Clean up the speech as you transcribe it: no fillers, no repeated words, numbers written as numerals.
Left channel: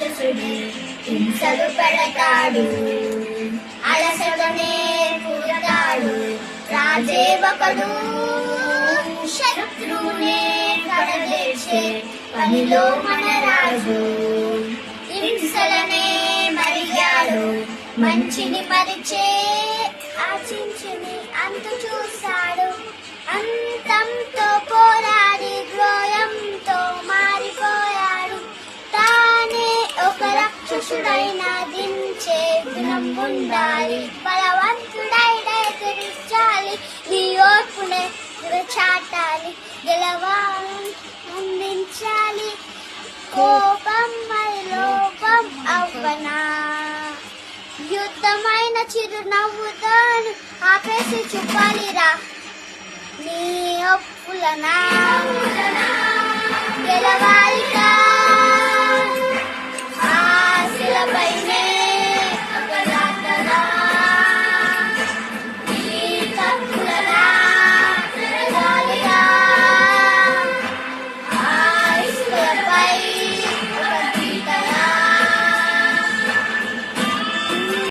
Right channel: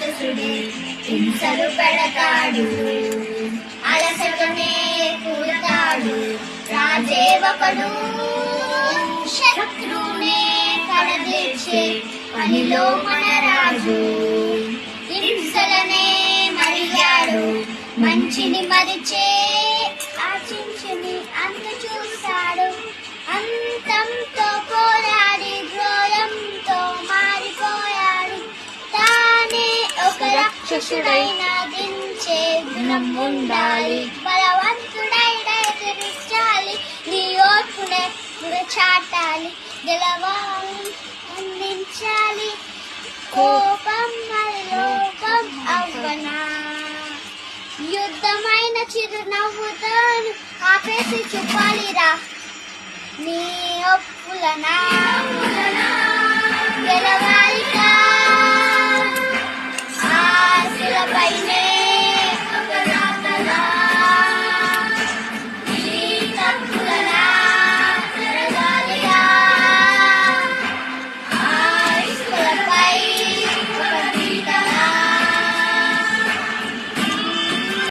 రాక్షసుడు హింసలు పెడతాడు, అలసటనే పుడతాడు రాజే ఒకడు, శత్రువునే కడదీర్చే పనిలో మన రాజు. హింసలనే మరిగాడు మంచిని మరిచే, ఆశించని అంత చూస్తాడు, అంతంతో పోరాడి ఘోరంతో మారిపోయాడు. తానే ఒక రాక్షసుడైన దించే గుణం ఉండాలి, బలవంతుడైన ఎదిరించాలి, నీ ఓర్పునే చాటాలి, గెలవాలి అందించాలి. కోపం మరి లోపం అవ్వనా, యుద్ధమైన చిరునవ్వుతాను ఆపేసి చెప్పాలిరా నీ ఒప్పులనా, గెలవాలి.